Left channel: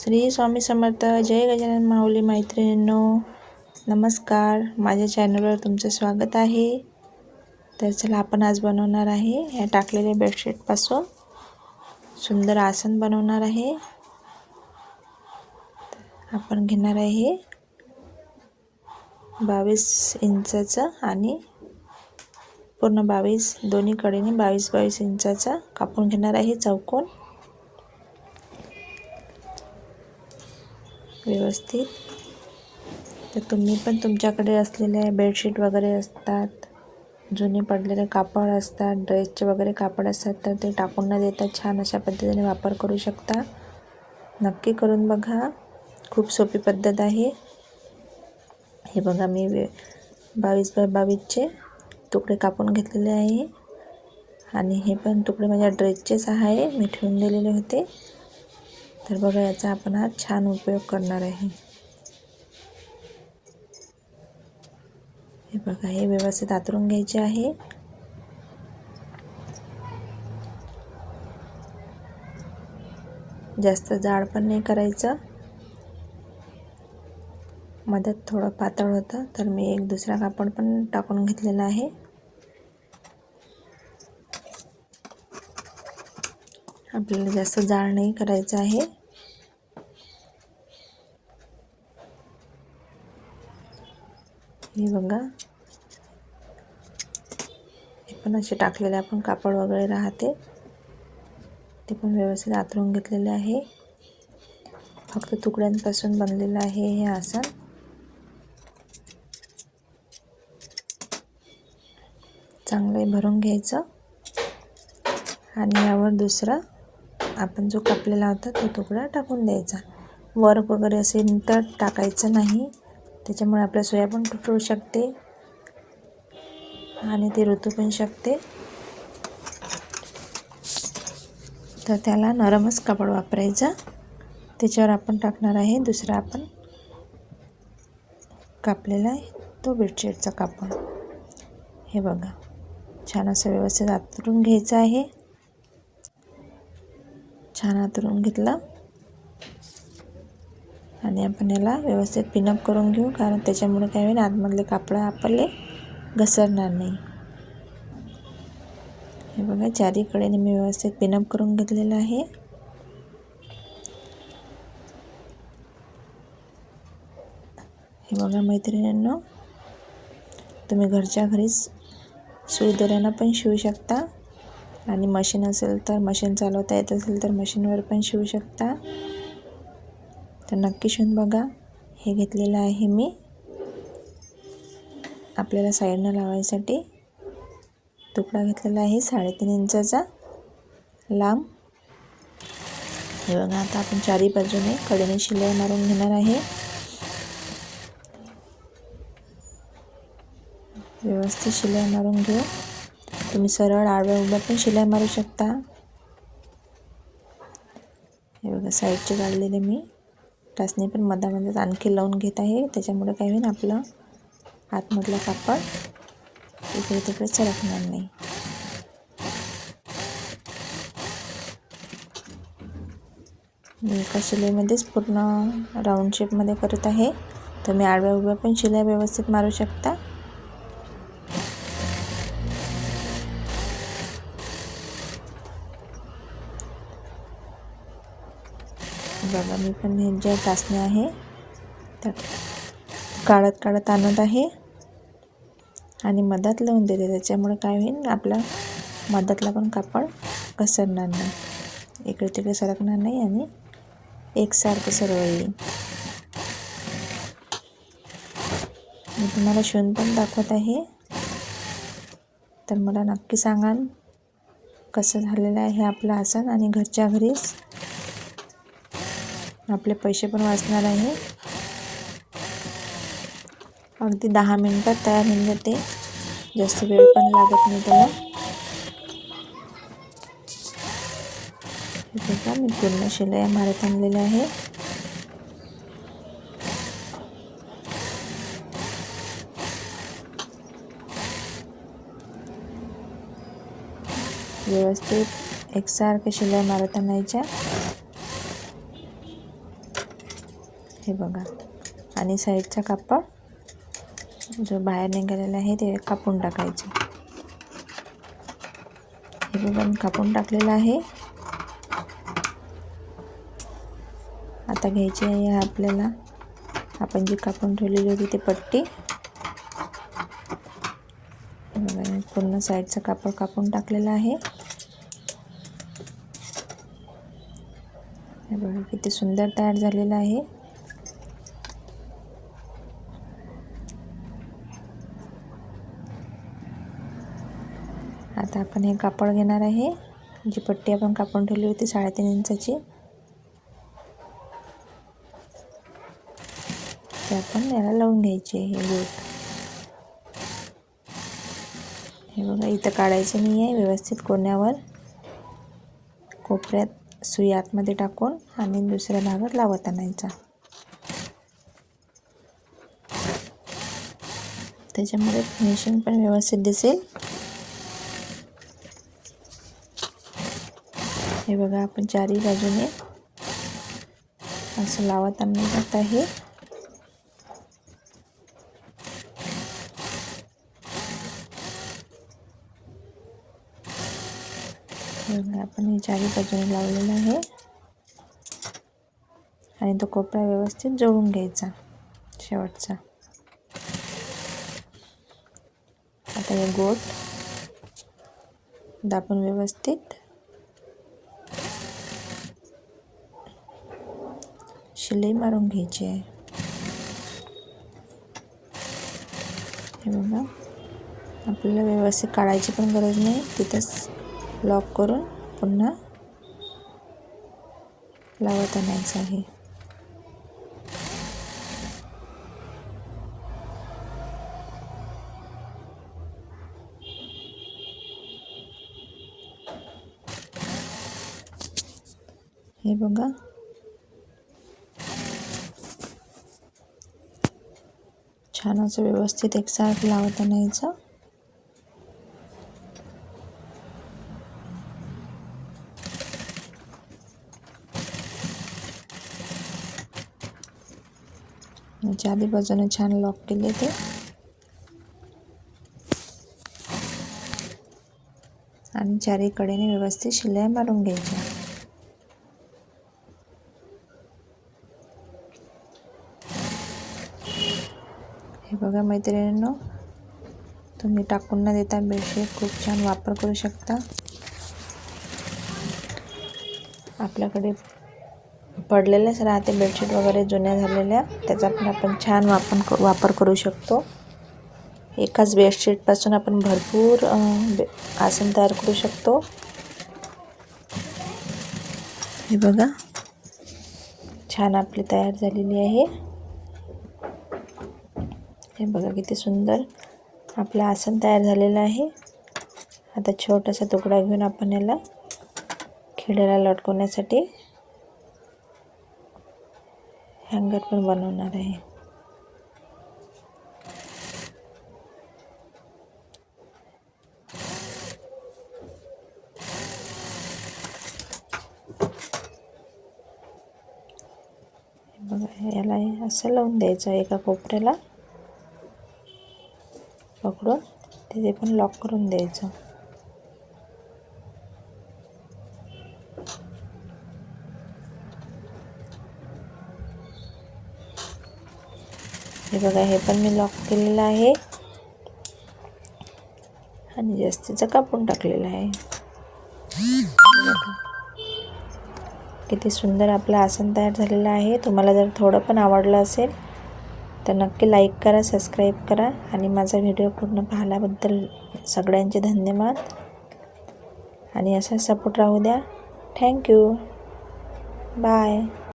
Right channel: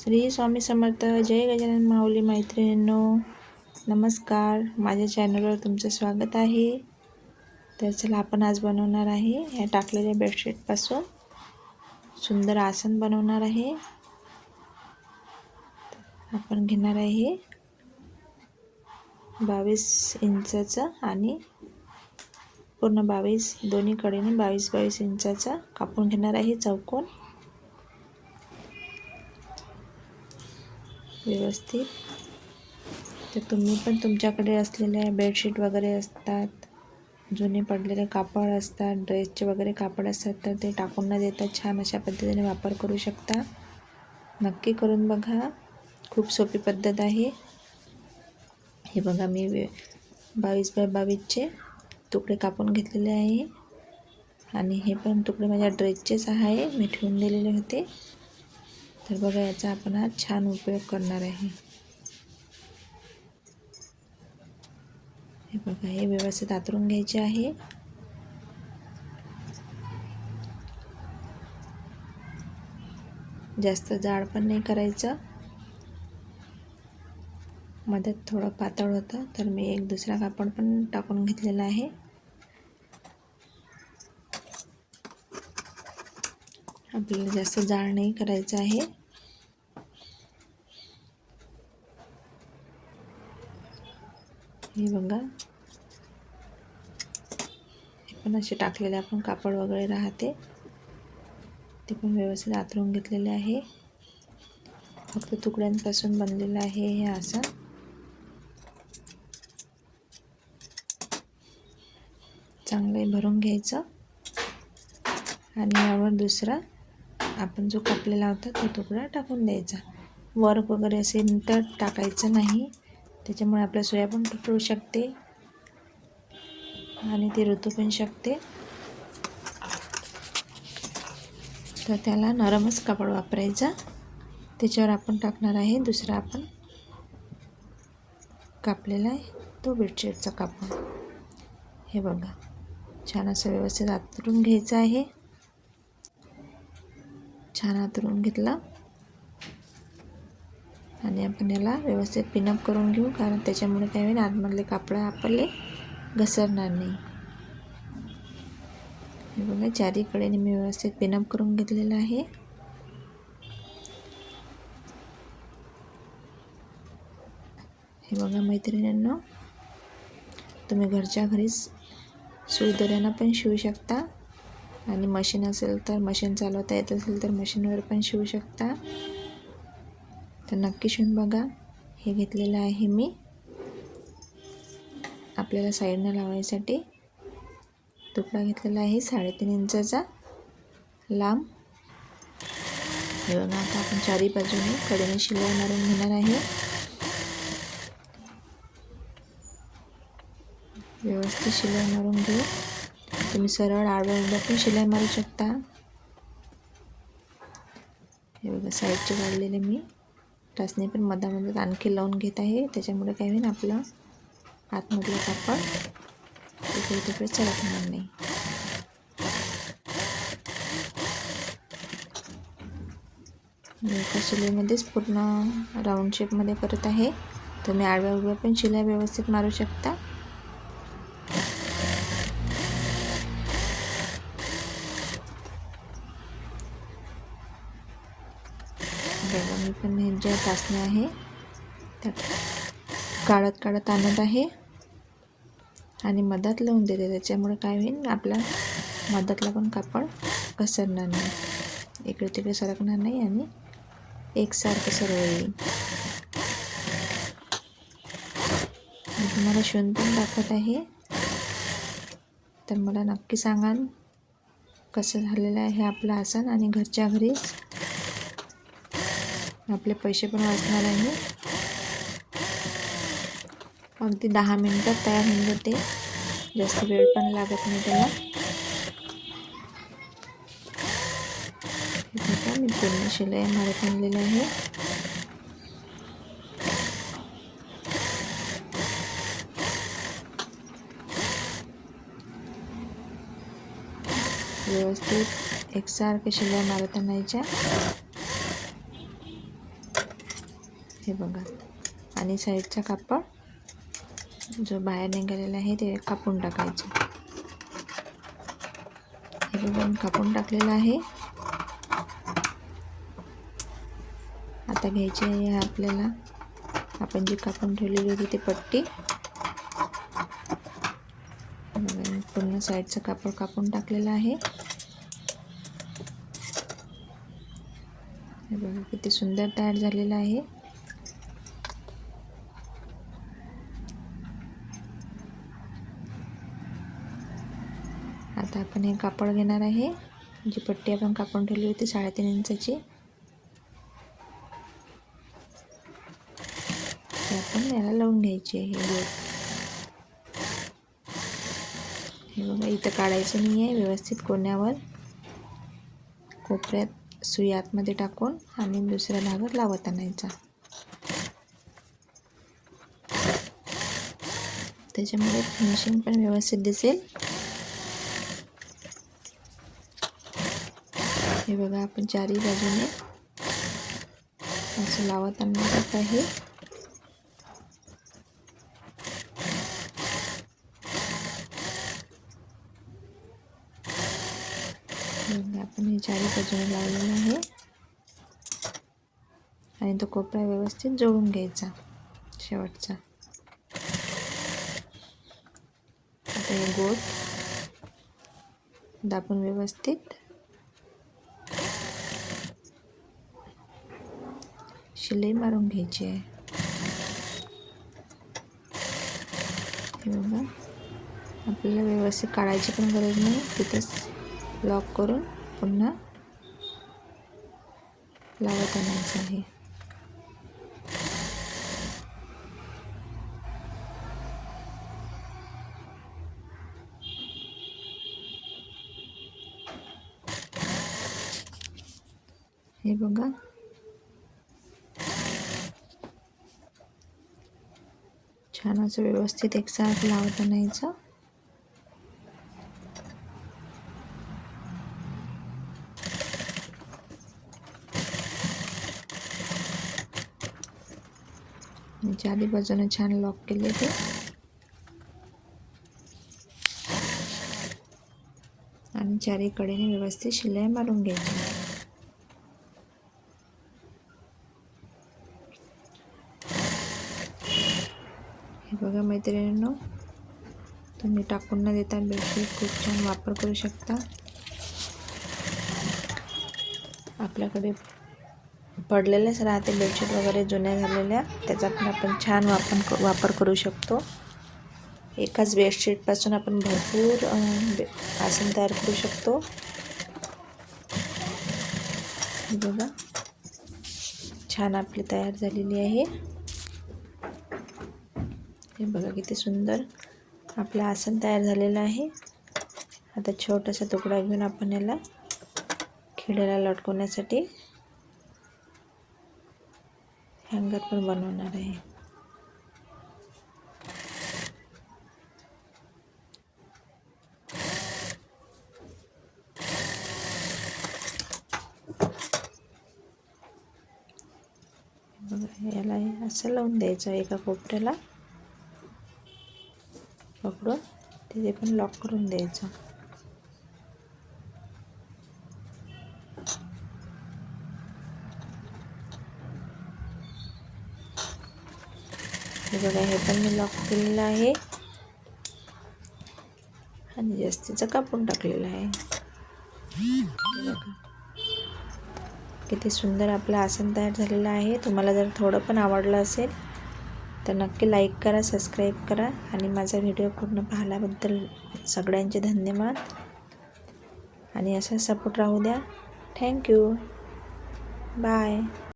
श्री स्वामी समर्थ. जय गजानन माऊली. मैत्रिणींनो नमस्कार. माझ्या चॅनलवर तुमचं स्वागत आहे. तर चला आपण आज बनवणार आहे ह्या टाकलेल्या बेडशीटपासून सुंदर आसन बनवणार आहे. आपण घेणार आहे 22 इंचाचा आणि पूर्ण 22 दोन्ही कडेने 22 इंचाचा कापून घेणार आहे चौकोन व्यवस्थित. तर तुम्ही पण तुमच्याकडे असलेले बेडशीट वगैरे असतात, जुने पडलेले कापड असतात, ड्रेसचे वगैरे कापड असतात, तर ते टाकून न देता छान अशा पद्धतीने वापर करू शकता. नक्की करून बघा. खूप सोपी पद्धत आहे. हे बघा मी 22 बाय 22चे तुकडे कापून घेतलेले आहे आणि हे पण तुकडे माझ्या ड्रेसचेच आहे, मी ठेवून दिलेले होते. तर बघा याचा आपण हा छान उपयोग करणार आहे. हे बघा हे व्यवस्थित आतरून घ्यायचे आहे. जास्त जाड पण नाही करायचं. मध्यात थोडं पातळ होतं तर मी एक दुसरा कापड पण टाकून घेतलेला आहे. आपल्याला जास्त जाड नाही करायचं आहे. हे बघा हे पण असे टाकलेले आपण कापड वगैरे राहते ते पण व्यवस्थित आतरून घेतलेले आहे. फक्त तुकड्यांपासून बनलेलं आहे हे आसन. चांगले भरून घ्यायचं आणि यावर दुसरा आपण जो कापलेला होता तो तुकडा टाकून द्यायचा. वर्क वगैरे असेल तर टाकायचं नाही, त्याच्यामुळे आपल्या सुया पण तुटू शकते आणि ते रुतू पण शकते. तर त्याला नरमच कापड वापरायचा. त्याच्यावर आपण टाकणार आहे दुसरा आपण कापलेला आहे तो बेडशीटचा कापड. हे बघा छान असं व्यवस्थित आतरून घ्यायचं आहे. छान आतरून घेतला आणि आपण याला व्यवस्थित पिनअप करून घेऊ, कारण त्याच्यामुळे काय होईल आतमधले कापड आपले घसरणार नाही. हे बघा चारीकडे मी व्यवस्थित पिनअप करून घेतलेलं आहे. हे बघा मैत्रिणींनो, तुम्ही घरच्या घरीच सुई दोऱ्यानं पण शिवू शकता आणि मशीन असेल तर मशीन चालवता येत असेल तर मशीनवर पण शिवू शकता. तर नक्की शिवून बघा. हे घेतलेलं आहे मी आपल्याला साईडनं लावायसाठी. तुकडा घेतलेला आहे 3.5 इंचाचा लांब. हे बघा आता आपण चारी बाजूने कडेने शिलाई मारून घेणार आहे. व्यवस्थित शिलाई मारून घ्या. तुम्ही सरळ आडव्या उभ्या पण शिलाई मारू शकता. हे बघा साईडचे काढलेले मी टाचणी पण मधामधात आणखी लावून घेत आहे. त्याच्यामुळे काय होईल आपलं आतमधलं कापड इकडे तिकडे सरकणार नाही. एका शिलाईमध्येच पूर्ण राऊंड शेपमध्ये करत आहे. तुम्ही आडव्या उभ्या पण शिलाई व्यवस्थित मारू शकता. बघा मी पण हे ज्या टाचण्या आहे त्या काढत आणत आहे आणि मधात लावून देते. त्याच्यामुळे काय होईल आपला मधातला पण कापड घसरणार नाही, इकडे तिकडे सरकणार नाही आणि एकसारखं सरळ येईल. मी तुम्हाला शिवून पण दाखवत आहे, तर मला नक्की सांगा कसं झालेलं आहे हे आपलं आसन. आणि घरच्या घरीच आपले पैसे पण वाचणार आहे. अगदी 10 मिनिटात तयार होऊन जाते, जास्त वेळ पण लागत नाही त्याला. बघा मी पूर्ण शिलाई मारत आणलेल्या आहे. व्यवस्थित एकसारखे शिलाई मारत आणायच्या. हे बघा. आणि साईडचा कापड जो बाहेर निघालेला आहे ते कापून टाकायचं. हे बघा मी कापून टाकलेलं आहे. आता घ्यायची आहे आपल्याला आपण जी कापून ठेवलेली होती ती पट्टी. पूर्ण साईडचं कापड कापून टाकलेलं आहे. हे बघा किती सुंदर तयार झालेलं आहे. आता आपण हे कापड घेणार आहे, जी पट्टी आपण कापून ठेवली होती 3.5 इंचाची, ते आपण याला लावून घ्यायची आहे. हे बघा इथं काढायचं नाही आहे, व्यवस्थित कोण्यावर कोपऱ्यात सुई आतमध्ये टाकून आणि दुसऱ्या भागात लावत आणायचा. त्याच्यामुळे फिनिशिंग पण व्यवस्थित दिसेल. हे बघा आपण चारही बाजूने असं लावत आणत आहे. आपण हे चारही बाजूने लावलेलं आहे आणि तो कोपरा व्यवस्थित जोडून घ्यायचा शेवटचा. आता हे गोल दाबून व्यवस्थित शिलाई मारून घ्यायची आहे. हे बघा आपल्याला व्यवस्थित काढायची पण गरज नाही, तिथंच लॉक करून पुन्हा लावत आणायचं आहे. हे बघा छान असं व्यवस्थित एकसारखं लावत आणायचं. चारही बाजूने छान लॉक केले ते आणि चारही कडेने व्यवस्थित शिलाई मारून घ्यायची. हे बघा मैत्रिणींनो, तुम्ही टाकून न देता बेडशीट खूप छान वापर करू शकता. आपल्याकडे पडलेलेच राहते बेडशीट वगैरे जुन्या झालेल्या, त्याचा पण आपण छान वापर करू शकतो. एकाच बेडशीटपासून आपण भरपूर आसन तयार करू शकतो. हे बघा छान आपली तयार झालेली आहे. हे बघा किती सुंदर आपलं आसन तयार झालेलं आहे. आता छोटासा तुकडा घेऊन आपण याला खिळ्याला लटकवण्यासाठी हँगर पण बनवणार आहे. बघा याला असं लावून द्यायचं, एका कोपऱ्याला पकडून तिथे पण लॉक करून द्यायचं. हे बघा हे पण मी लॉक केलेलं आहे आणि जास्तीचं कापून टाकलेलं आहे. किती सुंदर आपलं आसन तयार झालेलं आहे. तुम्हाला जर थोडं पण आवडलं असेल तर नक्की लाईक करा, सबस्क्राईब करा आणि माझा व्हिडिओ पूर्ण पाहिल्याबद्दल सगळ्यांचे धन्यवाद आणि असा सपोर्ट राहू द्या. थँक्यू. बाय.